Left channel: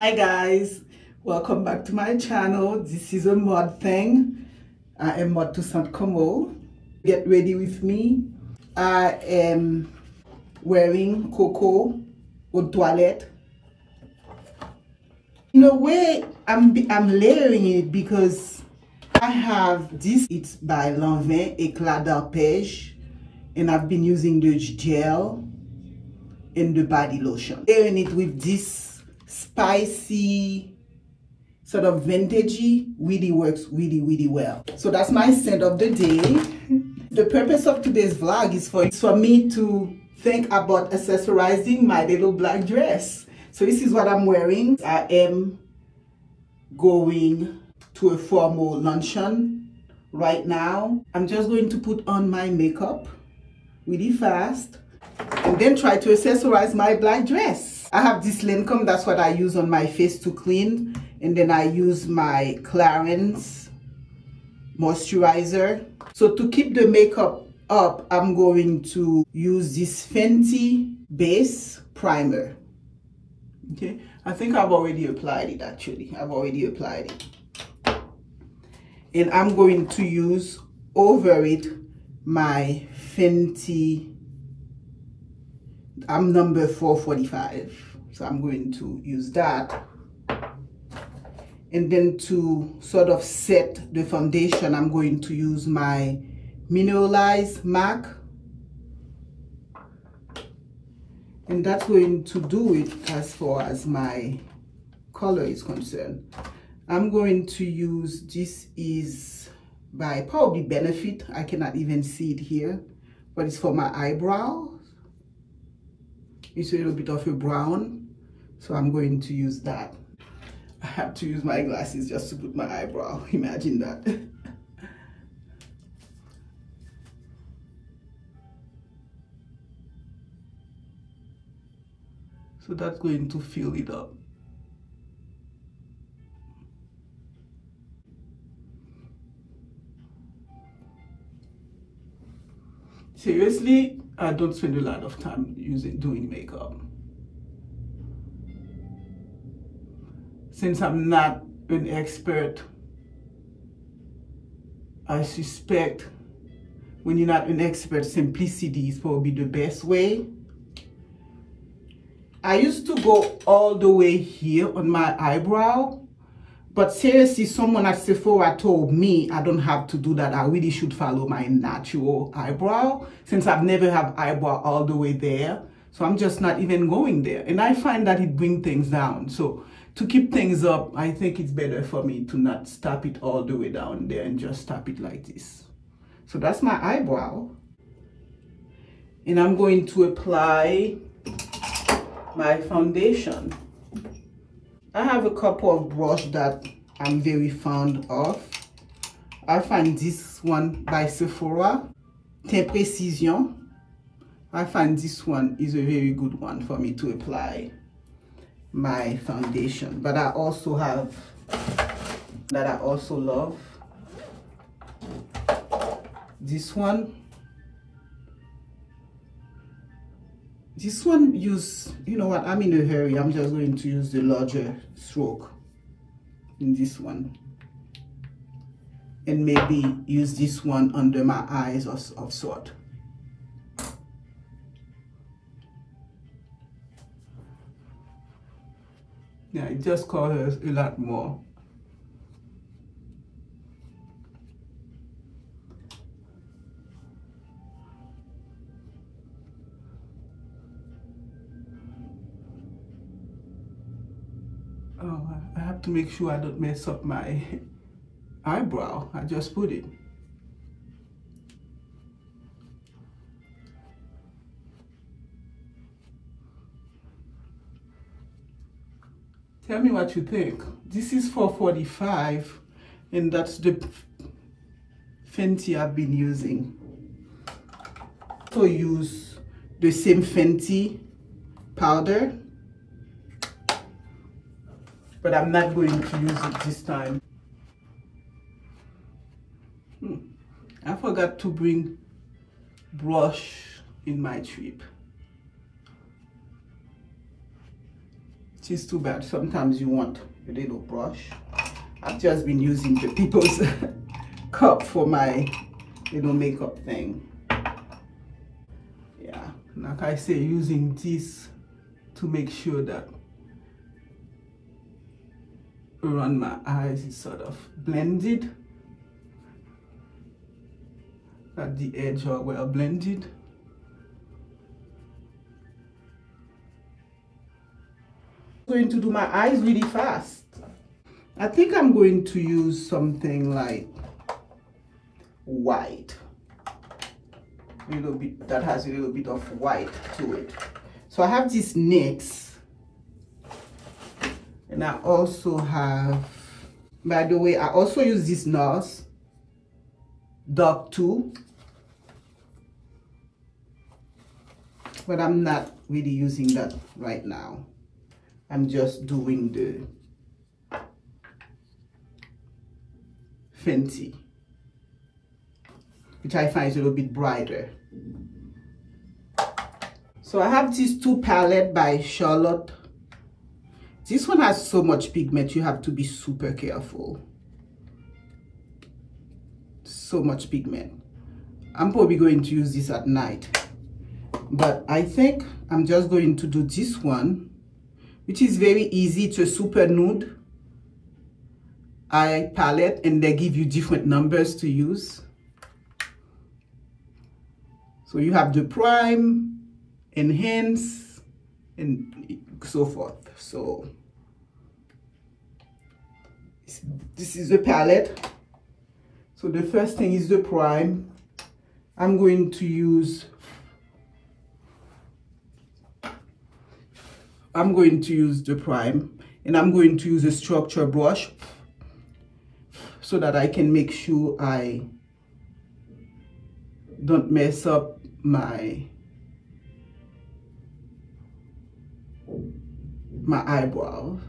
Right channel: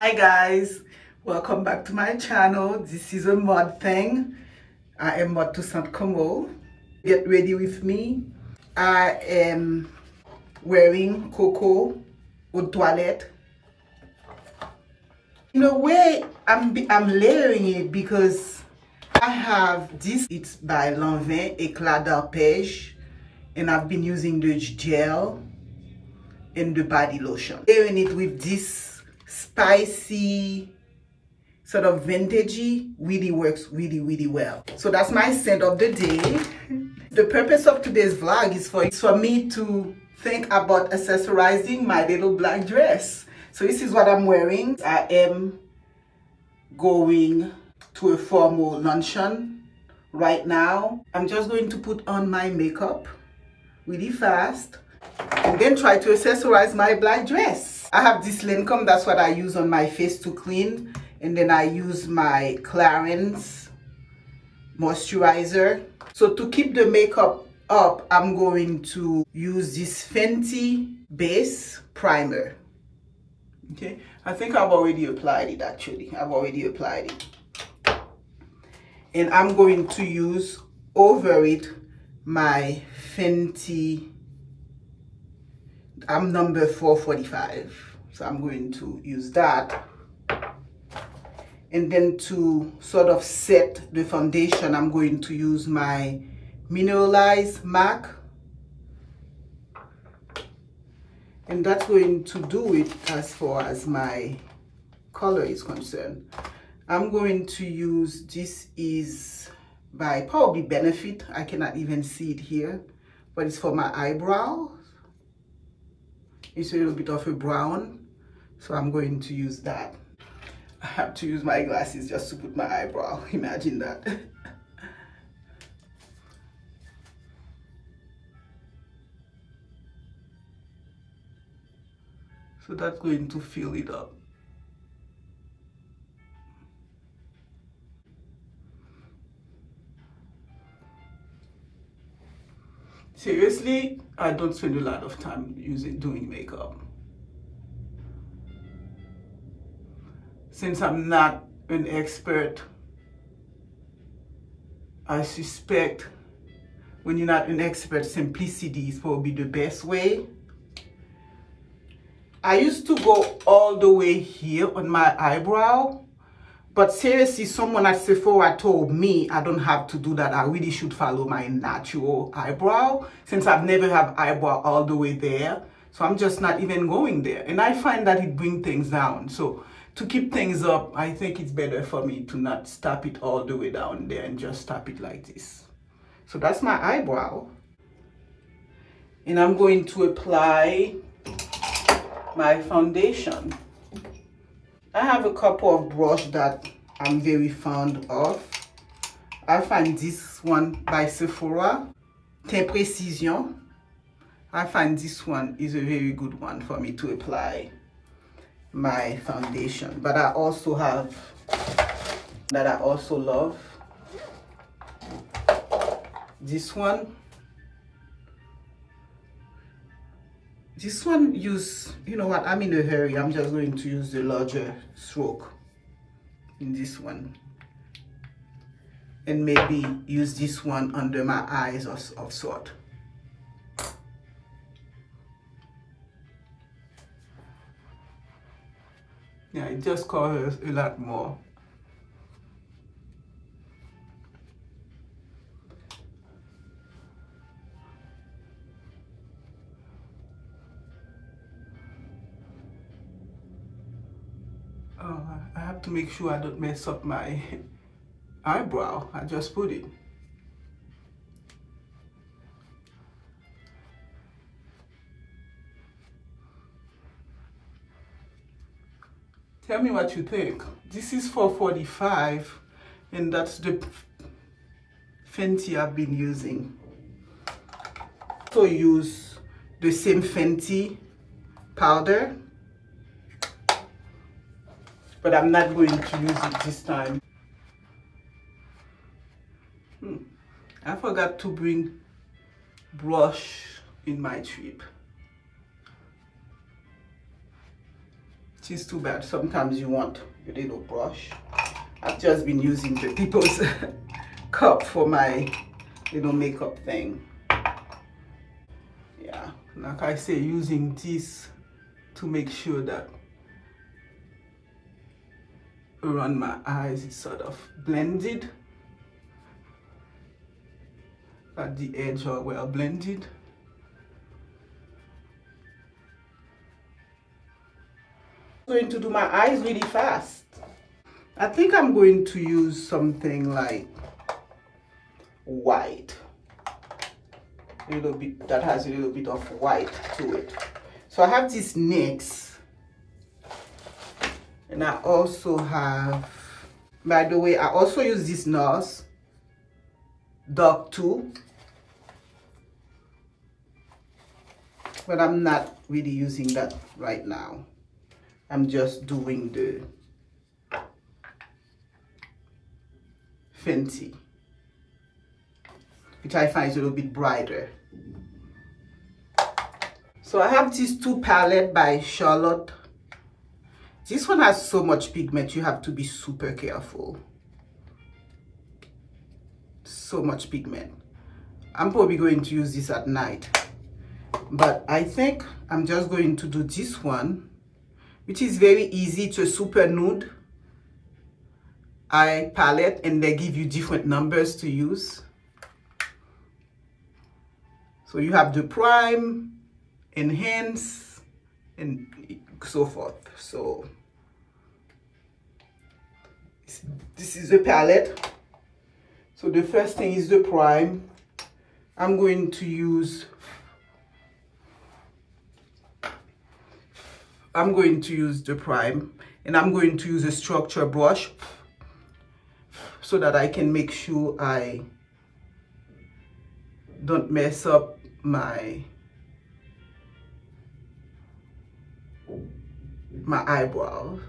Hi guys, welcome back to my channel. This is A Maude Thing. I am 𝘊𝘠𝑰. Get ready with me. I am wearing cocoa eau de toilette. In a way, I'm layering it because I have this. It's by 𝘊𝘐𝑰𝐃𝐄, and I've been using the gel and the body lotion. Layering it with this spicy, sort of vintagey, really works really well. So that's my scent of the day. The purpose of today's vlog is for me to think about accessorizing my little black dress. So this is what I'm wearing. I am going to a formal luncheon right now. I'm just going to put on my makeup really fast and then try to accessorize my black dress. I have this Lancome, that's what I use on my face to clean. And then I use my Clarins moisturizer. So to keep the makeup up, I'm going to use this Fenty base primer. Okay, I think I've already applied it actually. I've already applied it. And I'm going to use over it my Fenty, I'm number 445. So I'm going to use that. And then to sort of set the foundation, I'm going to use my mineralized MAC. And that's going to do it as far as my color is concerned. I'm going to use, this is by probably Benefit. I cannot even see it here, but it's for my eyebrows. It's a little bit of a brown, so I'm going to use that. I have to use my glasses just to put my eyebrow. Imagine that. So that's going to fill it up. Seriously, I don't spend a lot of time doing makeup. Since I'm not an expert, I suspect when you're not an expert, simplicity is probably the best way. I used to go all the way here on my eyebrow, but seriously, someone at Sephora told me I don't have to do that. I really should follow my natural eyebrow, since I've never have eyebrow all the way there. So I'm just not even going there. And I find that it brings things down. So to keep things up, I think it's better for me to not stop it all the way down there and just stop it like this. So that's my eyebrow. And I'm going to apply my foundation. I have a couple of brushes that I'm very fond of. I find this one by Sephora, Teint Précision. I find this one is a very good one for me to apply my foundation. But I also have, that I also love, this one. This one use, you know what, I'm in a hurry. I'm just going to use the larger stroke in this one. And maybe use this one under my eyes of sort. Yeah, it just covers a lot more. Oh, I have to make sure I don't mess up my eyebrow. I just put it. Tell me what you think. This is 445, and that's the Fenty I've been using. So use the same Fenty powder, but I'm not going to use it this time. I forgot to bring brush in my trip. which is too bad. Sometimes you want a little brush. I've just been using the people's cup for my little makeup thing. Yeah, like I say, using this to make sure that around my eyes is sort of blended, that the edges are well blended. I'm going to do my eyes really fast. I think I'm going to use something like white, a little bit that has a little bit of white to it. So I have this NYX, and I also have, by the way, I also use this NARS Dark 2, but I'm not really using that right now. I'm just doing the Fenty, which I find is a little bit brighter. So I have these two palettes by Charlotte. This one has so much pigment, you have to be super careful. So much pigment. I'm probably going to use this at night, but I think I'm just going to do this one, which is very easy. It's a super nude eye palette, and they give you different numbers to use. So you have the prime, enhance, and so forth. So this is the palette. So the first thing is the prime. I'm going to use the prime, and I'm going to use a structure brush so that I can make sure I don't mess up my eyebrows.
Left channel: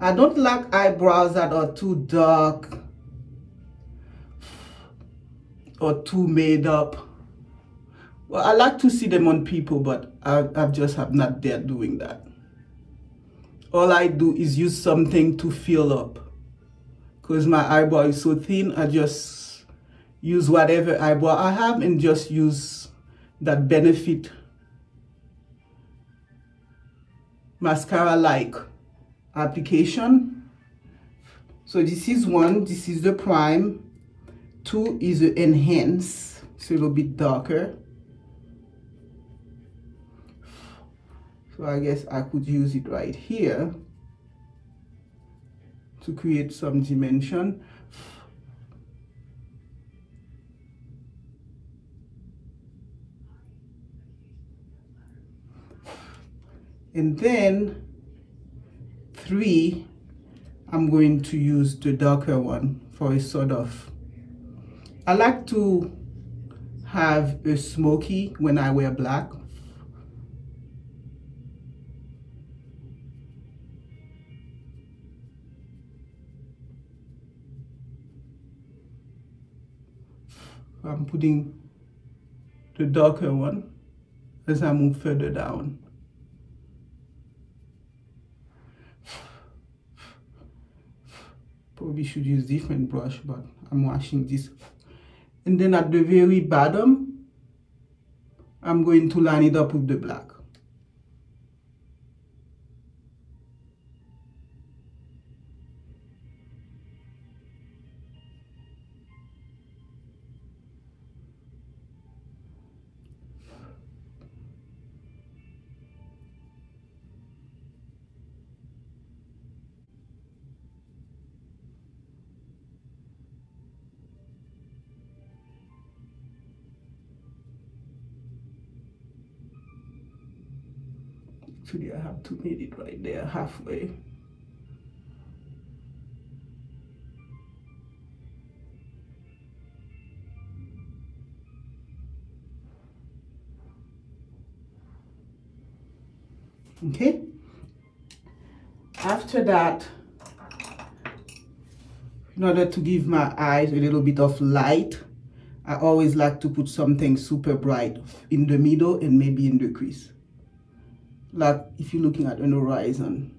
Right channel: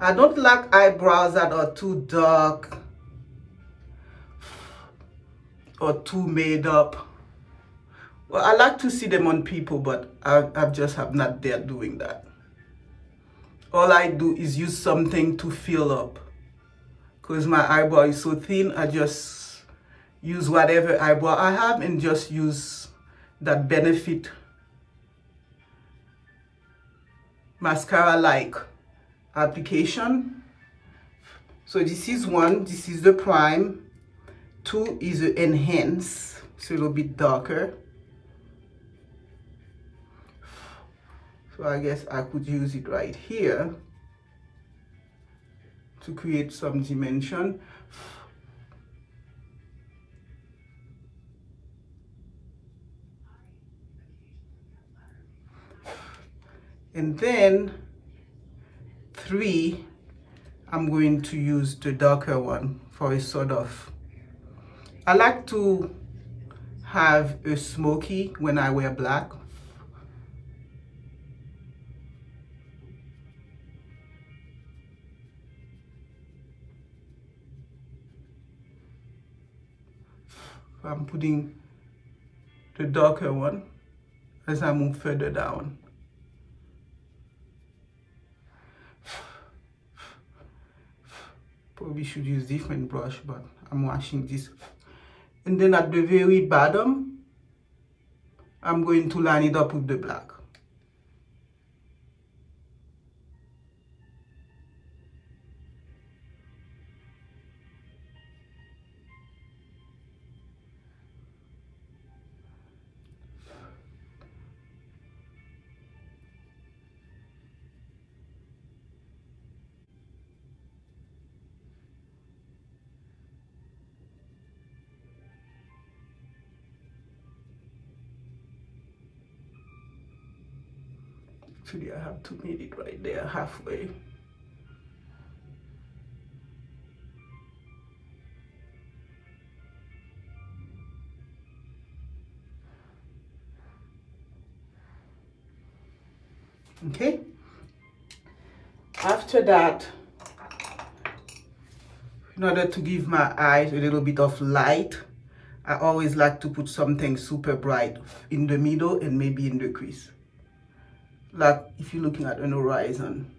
I don't like eyebrows that are too dark or too made up. Well, I like to see them on people, but I just have not dared doing that. All I do is use something to fill up. Because my eyebrow is so thin, I just use whatever eyebrow I have and just use that Benefit mascara-like application. So this is one, this is the prime. 2 is the enhance, it's a little bit darker. So I guess I could use it right here to create some dimension. And then 3, I'm going to use the darker one for a sort of, I like to have a smoky when I wear black. I'm putting the darker one as I move further down. Probably should use different brush, but I'm washing this. And then at the very bottom, I'm going to line it up with the black. Actually, I have to make it right there, halfway. Okay. After that, in order to give my eyes a little bit of light, I always like to put something super bright in the middle and maybe in the crease. like if you're looking at an horizon.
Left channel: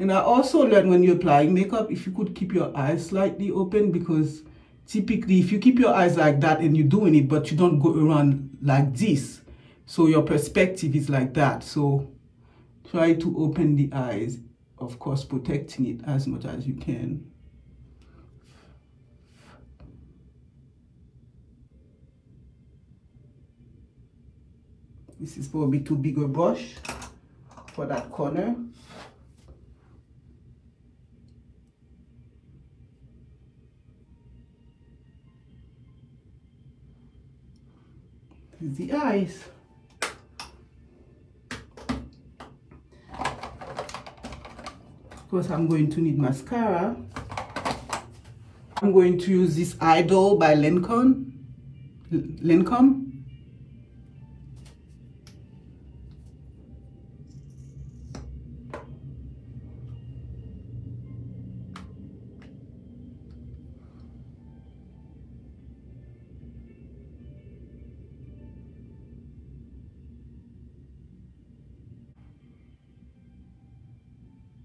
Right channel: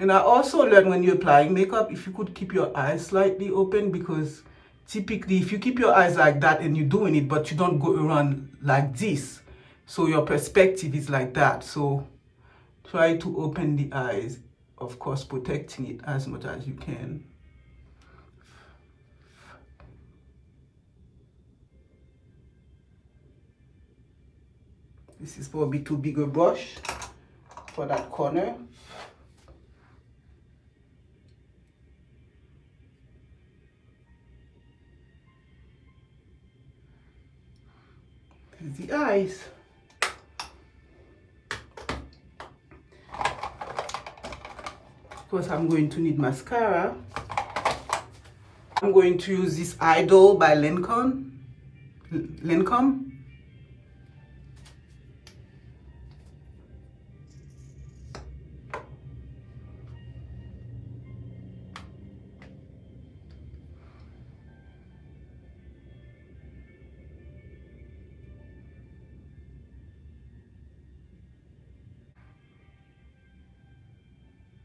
And I also learned when you're applying makeup, if you could keep your eyes slightly open, because typically if you keep your eyes like that and you're doing it, but you don't go around like this, so your perspective is like that. So try to open the eyes, of course, protecting it as much as you can. This is probably too big a brush for that corner. This is the eyes. Of course, I'm going to need mascara. I'm going to use this Idol by 𝘊𝘁𝐵𝑒.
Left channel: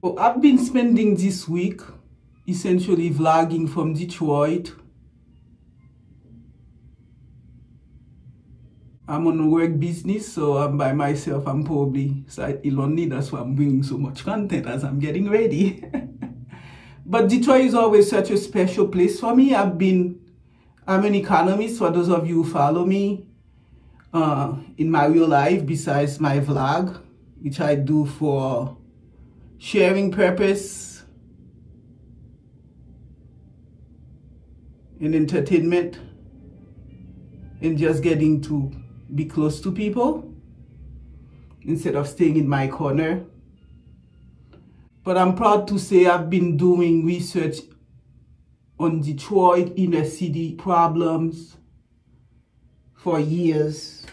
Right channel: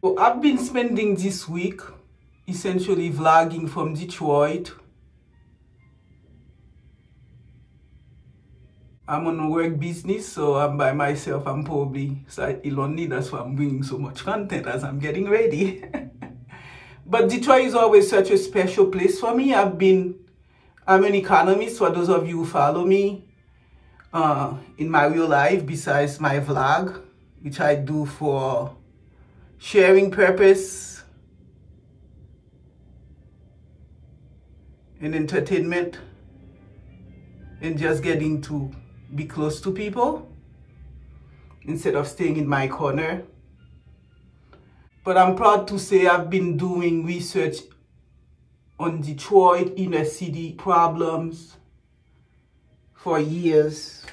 So I've been spending this week essentially vlogging from Detroit. I'm on a work business, so I'm by myself. I'm probably slightly lonely. That's why I'm bringing so much content as I'm getting ready. But Detroit is always such a special place for me. I'm an economist, for those of you who follow me in my real life, besides my vlog, which I do for sharing purpose and entertainment and just getting to be close to people instead of staying in my corner. But I'm proud to say I've been doing research on Detroit inner city problems for years.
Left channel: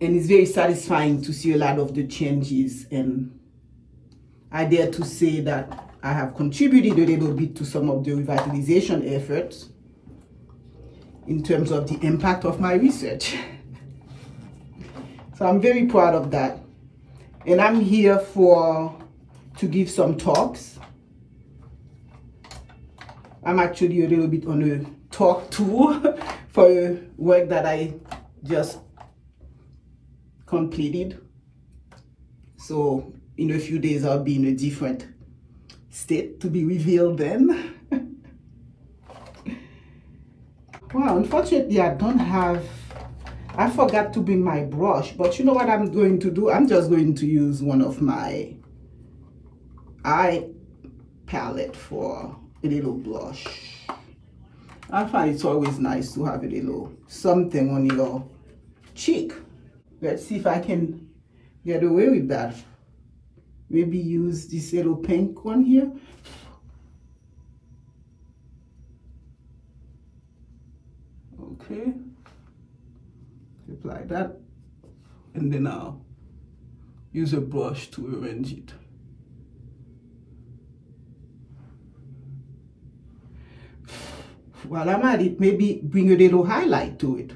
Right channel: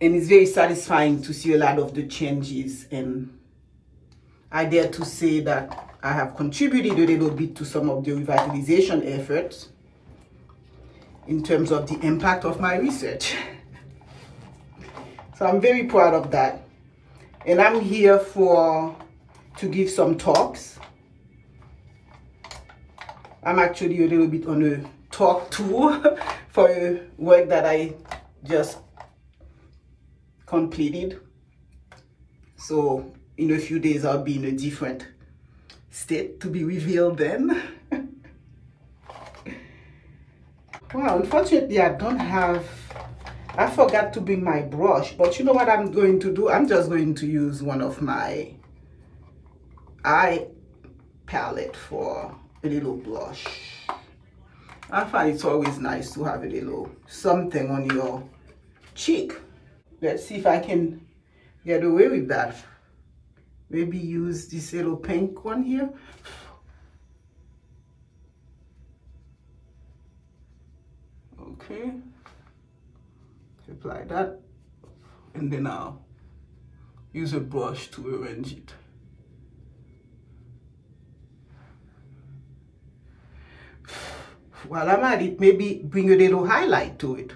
And it's very satisfying to see a lot of the changes, and I dare to say that I have contributed a little bit to some of the revitalization efforts in terms of the impact of my research. So I'm very proud of that. And I'm here to give some talks. I'm actually a little bit on a talk tour for a work that I just completed. So in a few days I'll be in a different state, to be revealed then. Wow, unfortunately I forgot to bring my brush, but you know what I'm going to do? I'm just going to use one of my eye palette for a little blush. I find it's always nice to have a little something on your cheek. Let's see if I can get away with that. Maybe use this little pink one here. Okay. Apply that. And then I'll use a brush to arrange it. While I'm at it, maybe bring a little highlight to it.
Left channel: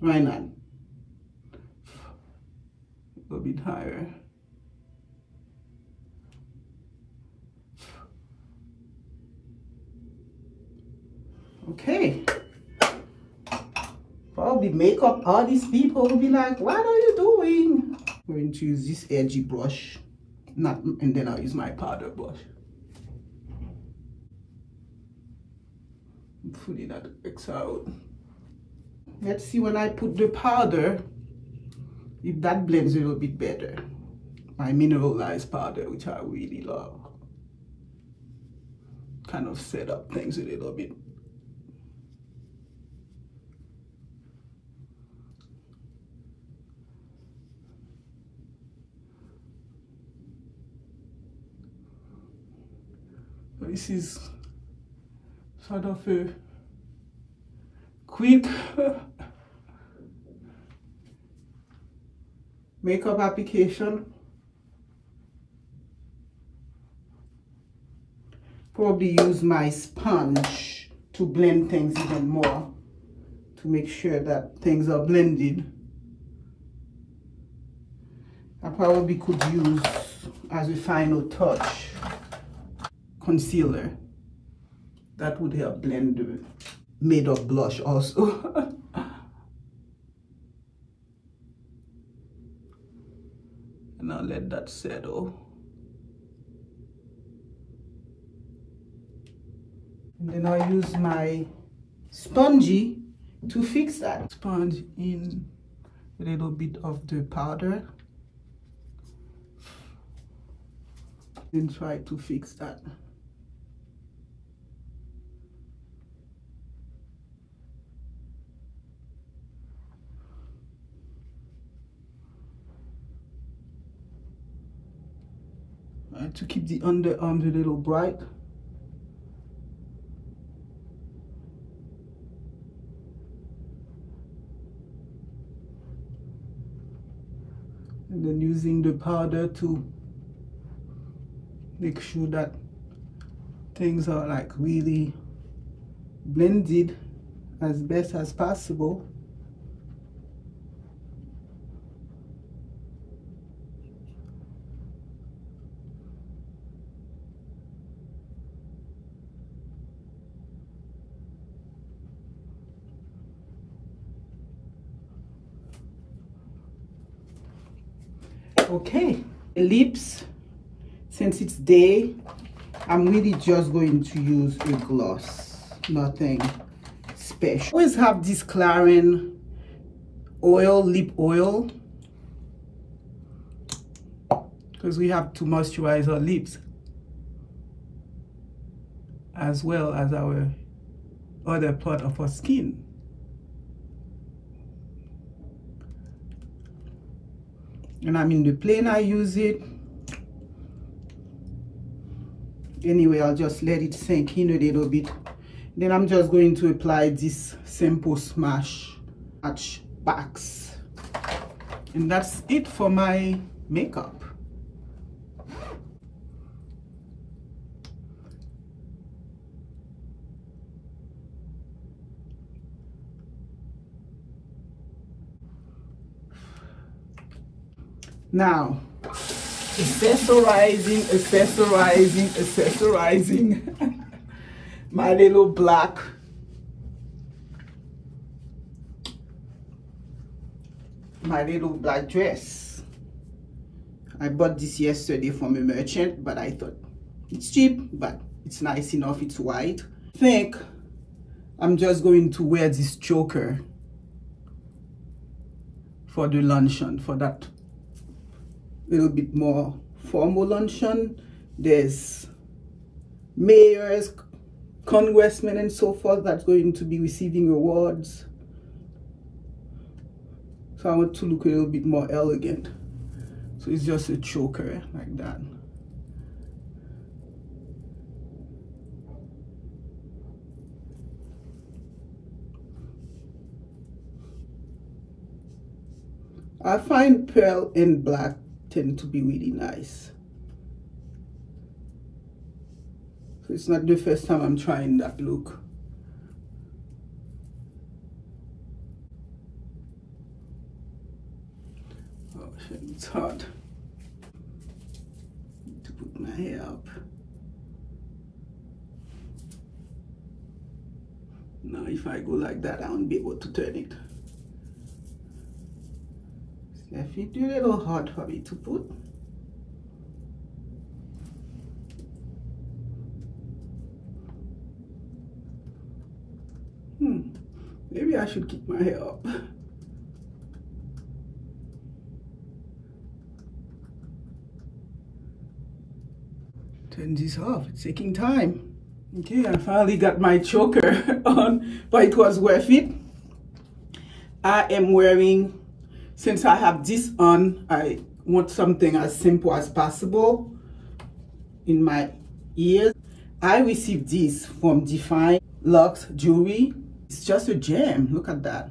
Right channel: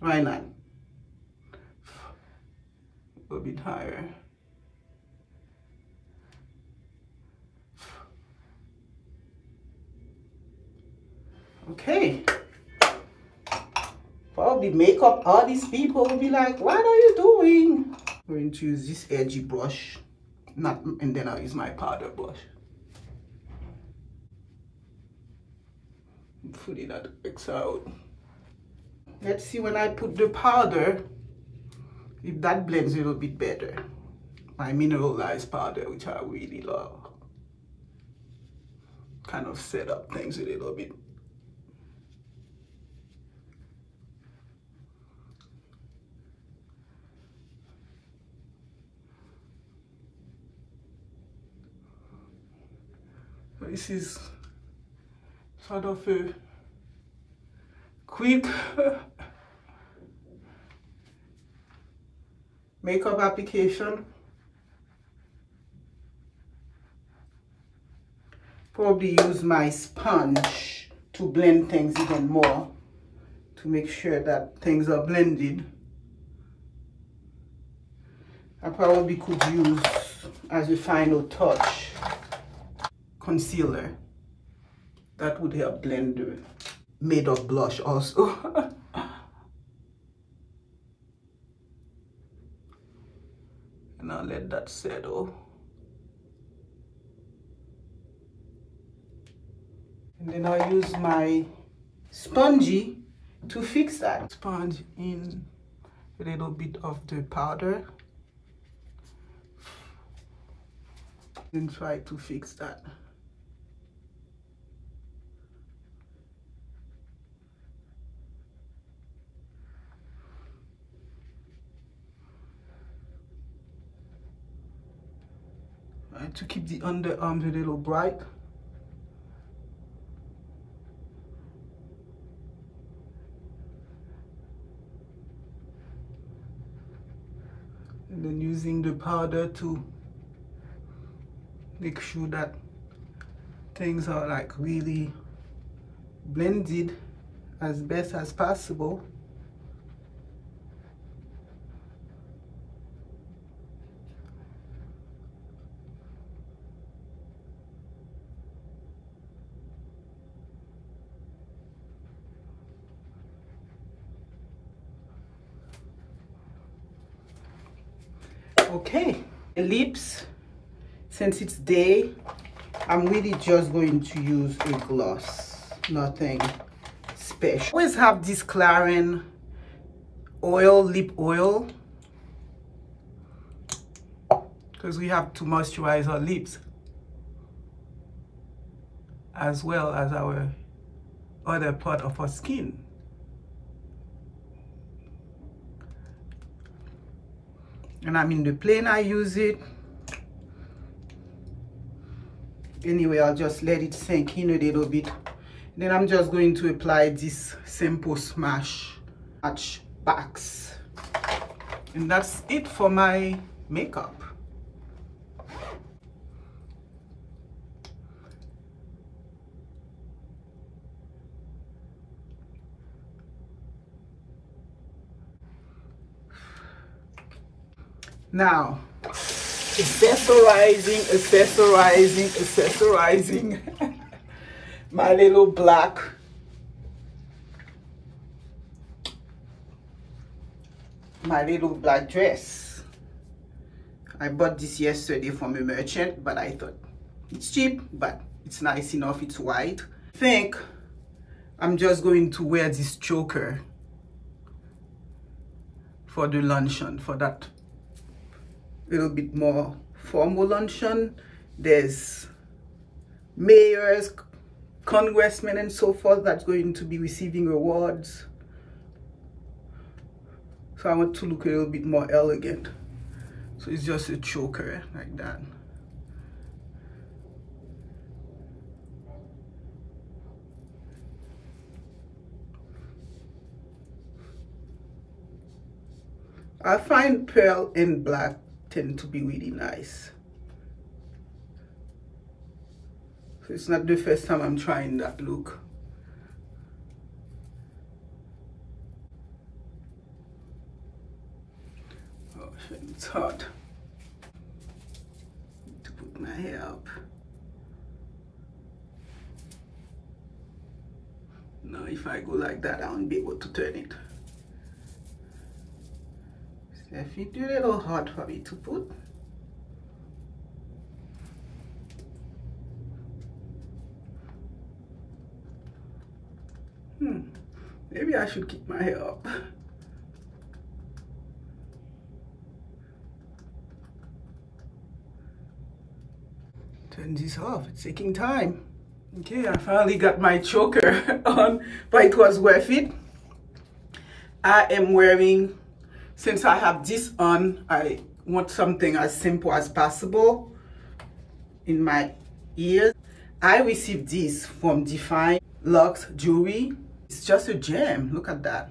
Why not? A bit higher. Okay. Probably makeup artist people will be like, what are you doing? I'm going to use this edgy brush, and then I'll use my powder brush. Hopefully that works out. Let's see when I put the powder, if that blends a little bit better. My mineralized powder, which I really love. Kind of set up things a little bit. This is sort of a quick makeup application. Probably use my sponge to blend things even more, to make sure that things are blended. I probably could use, as a final touch, concealer. That would help blend the made of blush also. And I'll let that settle. And then I'll use my spongy to fix that. Sponge in a little bit of the powder. Then try to fix that. To keep the underarms a little bright. And then using the powder to make sure that things are like really blended as best as possible. Okay, lips, since it's day, I'm really just going to use a gloss, nothing special. Always have this 𝘂𝑪𝑖n oil, lip oil, because we have to moisturize our lips as well as our other part of our skin. And I'm in the plane, I use it. Anyway, I'll just let it sink in a little bit. Then I'm just going to apply this Simple Smash Match Backs. And that's it for my makeup. Now, accessorizing my little black dress. I bought this yesterday from a merchant, but I thought it's cheap, but it's nice enough, it's white. I think I'm just going to wear this choker for the luncheon, for that little bit more formal luncheon. There's mayors, congressmen and so forth that's going to be receiving awards. So I want to look a little bit more elegant. So it's just a choker like that. I find pearl and black tend to be really nice. So it's not the first time I'm trying that look. Oh shit, it's hard. Need to put my hair up. Now if I go like that, I won't be able to turn it. If it's a little hard for me to put. Maybe I should keep my hair up. Turn this off, it's taking time. Okay, I finally got my choker on, but it was worth it. I am wearing, since I have this on, I want something as simple as possible in my ears. I received this from Define Luxe Jewelry. It's just a gem, look at that.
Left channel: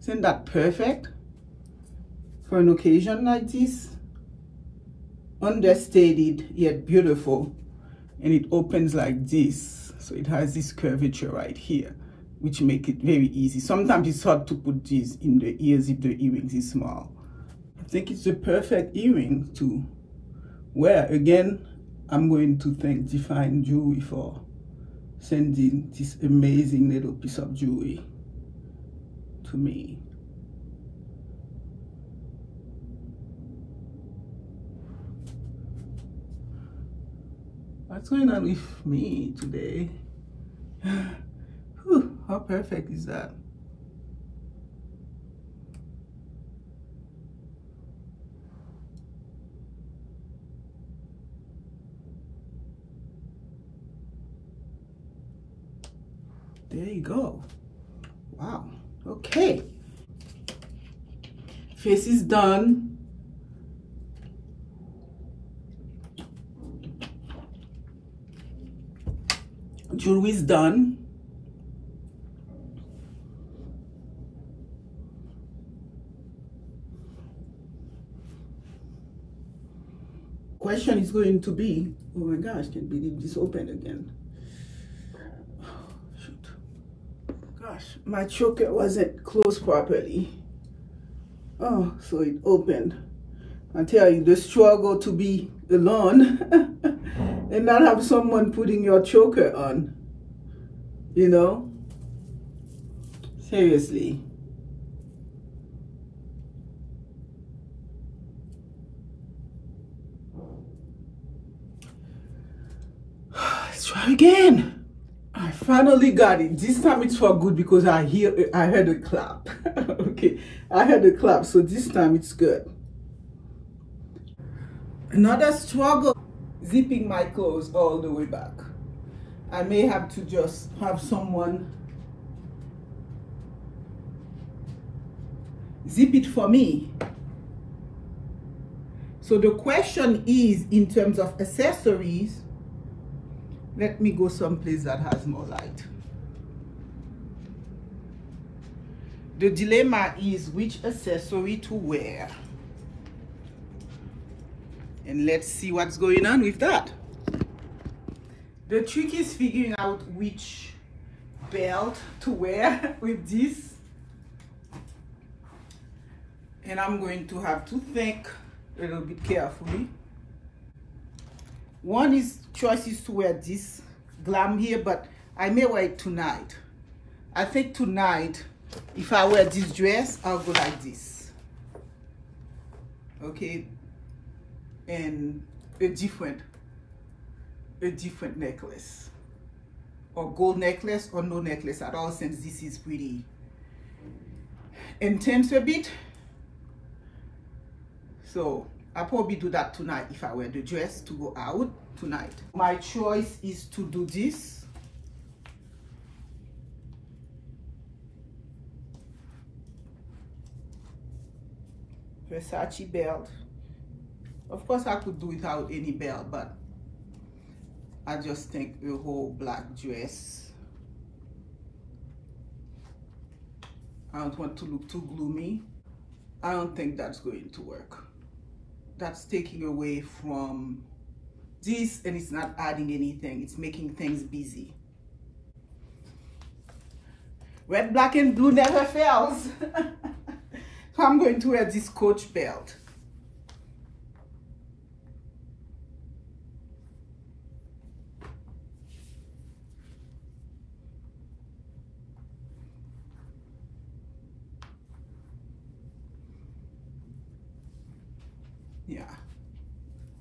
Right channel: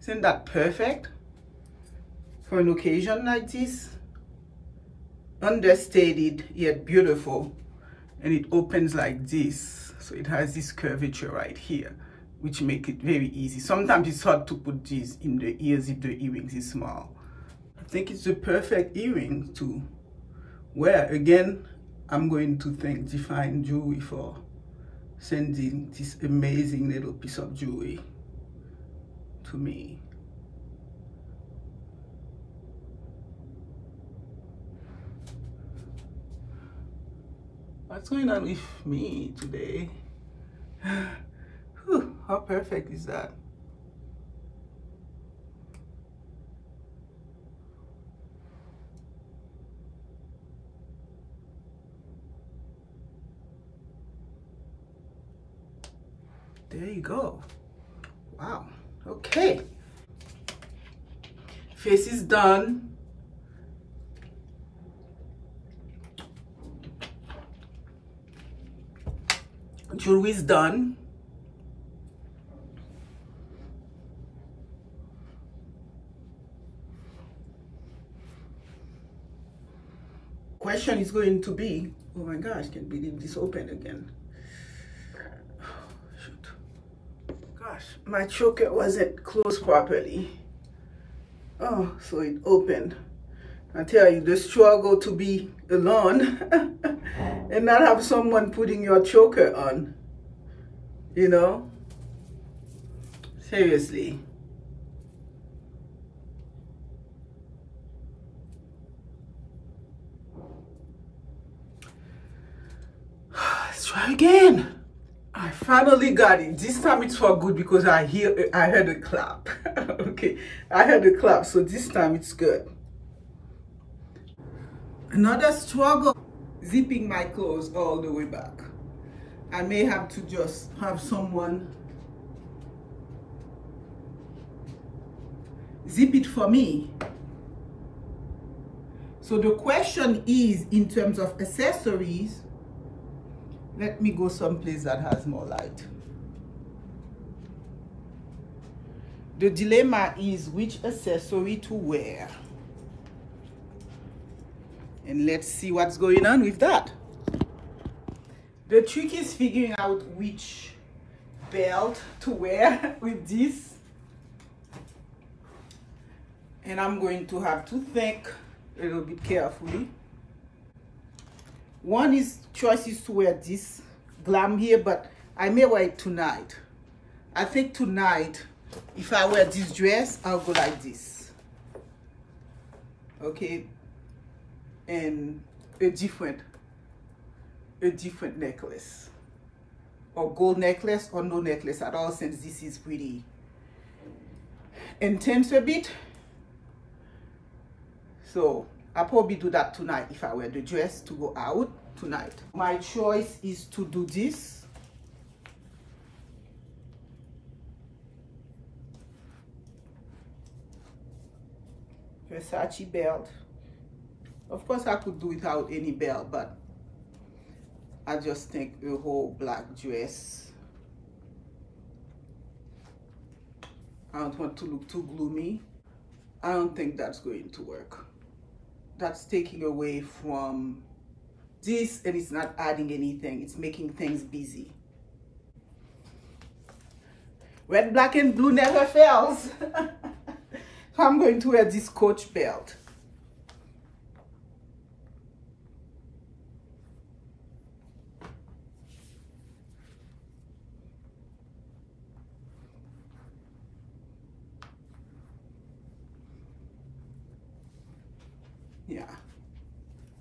Isn't that perfect? for an occasion like this. Understated yet beautiful, and it opens like this, so it has this curvature right here, which make it very easy. Sometimes it's hard to put these in the ears if the earrings is small. I think it's the perfect earring to wear. Again, I'm going to thank Define Jewelry for sending this amazing little piece of jewelry to me. What's going on with me today? Whew, how perfect is that? There you go. Wow. Okay. Face is done. Jewelry is done. Question is going to be, oh my gosh, can't believe this opened again. Oh, shoot. Gosh, my choker wasn't closed properly. Oh, so it opened. I tell you, the struggle to be alone and not have someone putting your choker on, you know? Seriously. Let's try again. I finally got it. This time it's for good because I heard a clap. Okay, I heard a clap, so this time it's good. Another struggle, zipping my clothes all the way back. I may have to just have someone zip it for me. So the question is, in terms of accessories, let me go someplace that has more light. The dilemma is which accessory to wear. And let's see what's going on with that. The trick is figuring out which belt to wear with this. And I'm going to have to think a little bit carefully. One choice is to wear this glam here, but I may wear it tonight. I think tonight, if I wear this dress, I'll go like this. Okay, and a different necklace, or gold necklace, or no necklace at all, since this is pretty intense a bit. So I'll probably do that tonight if I wear the dress to go out tonight. My choice is to do this. Versace belt. Of course, I could do without any belt, but I just think a whole black dress. I don't want to look too gloomy. I don't think that's going to work. That's taking away from this, and it's not adding anything. It's making things busy. Red, black, and blue never fails. So I'm going to wear this Coach belt. Yeah,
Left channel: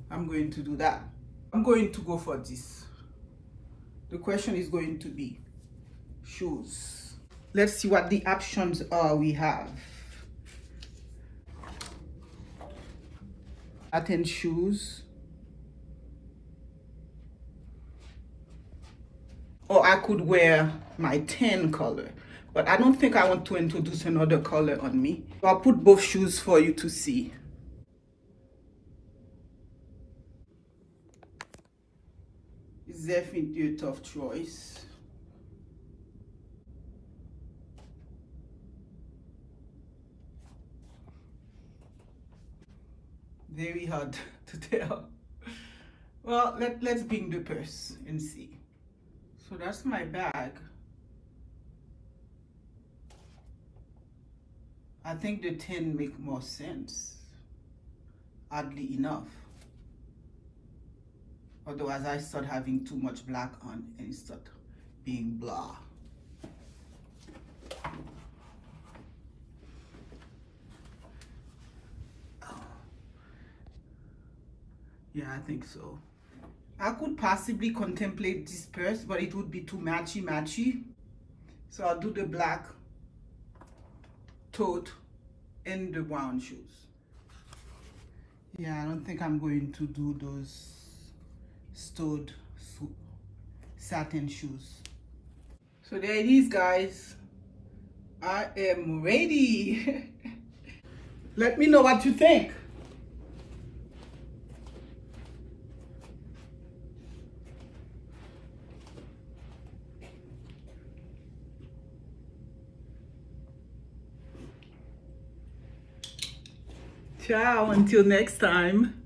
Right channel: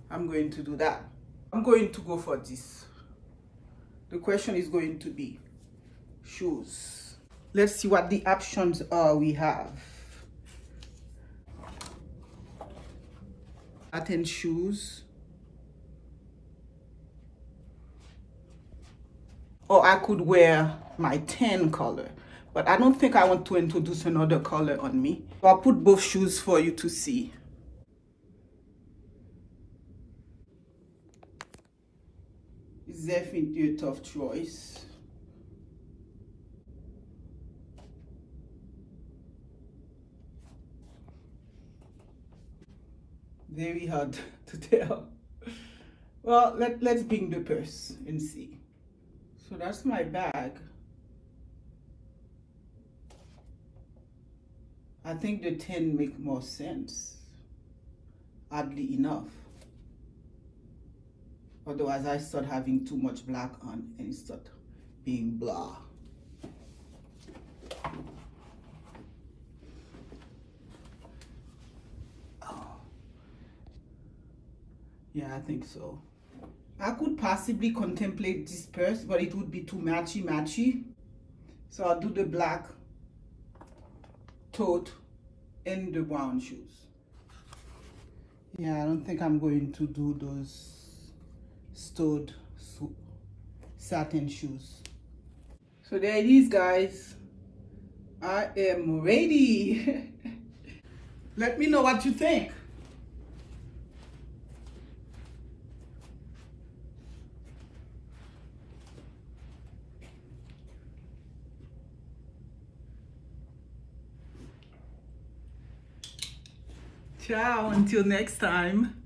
I'm going to do that. I'm going to go for this. The question is going to be shoes. Let's see what the options are we have. Satin shoes. Or I could wear my tan color, but I don't think I want to introduce another color on me. So I'll put both shoes for you to see. It's definitely a tough choice. Very hard to tell. Well, let's bring the purse and see. So that's my bag. I think the 10 make more sense, oddly enough. Otherwise, I start having too much black on and it start being blah. Oh. Yeah, I think so. I could possibly contemplate this purse, but it would be too matchy. So I'll do the black tote and the brown shoes. Yeah, I don't think I'm going to do those stowed satin shoes. So there it is, guys. I am ready. Let me know what you think. Ciao, until next time.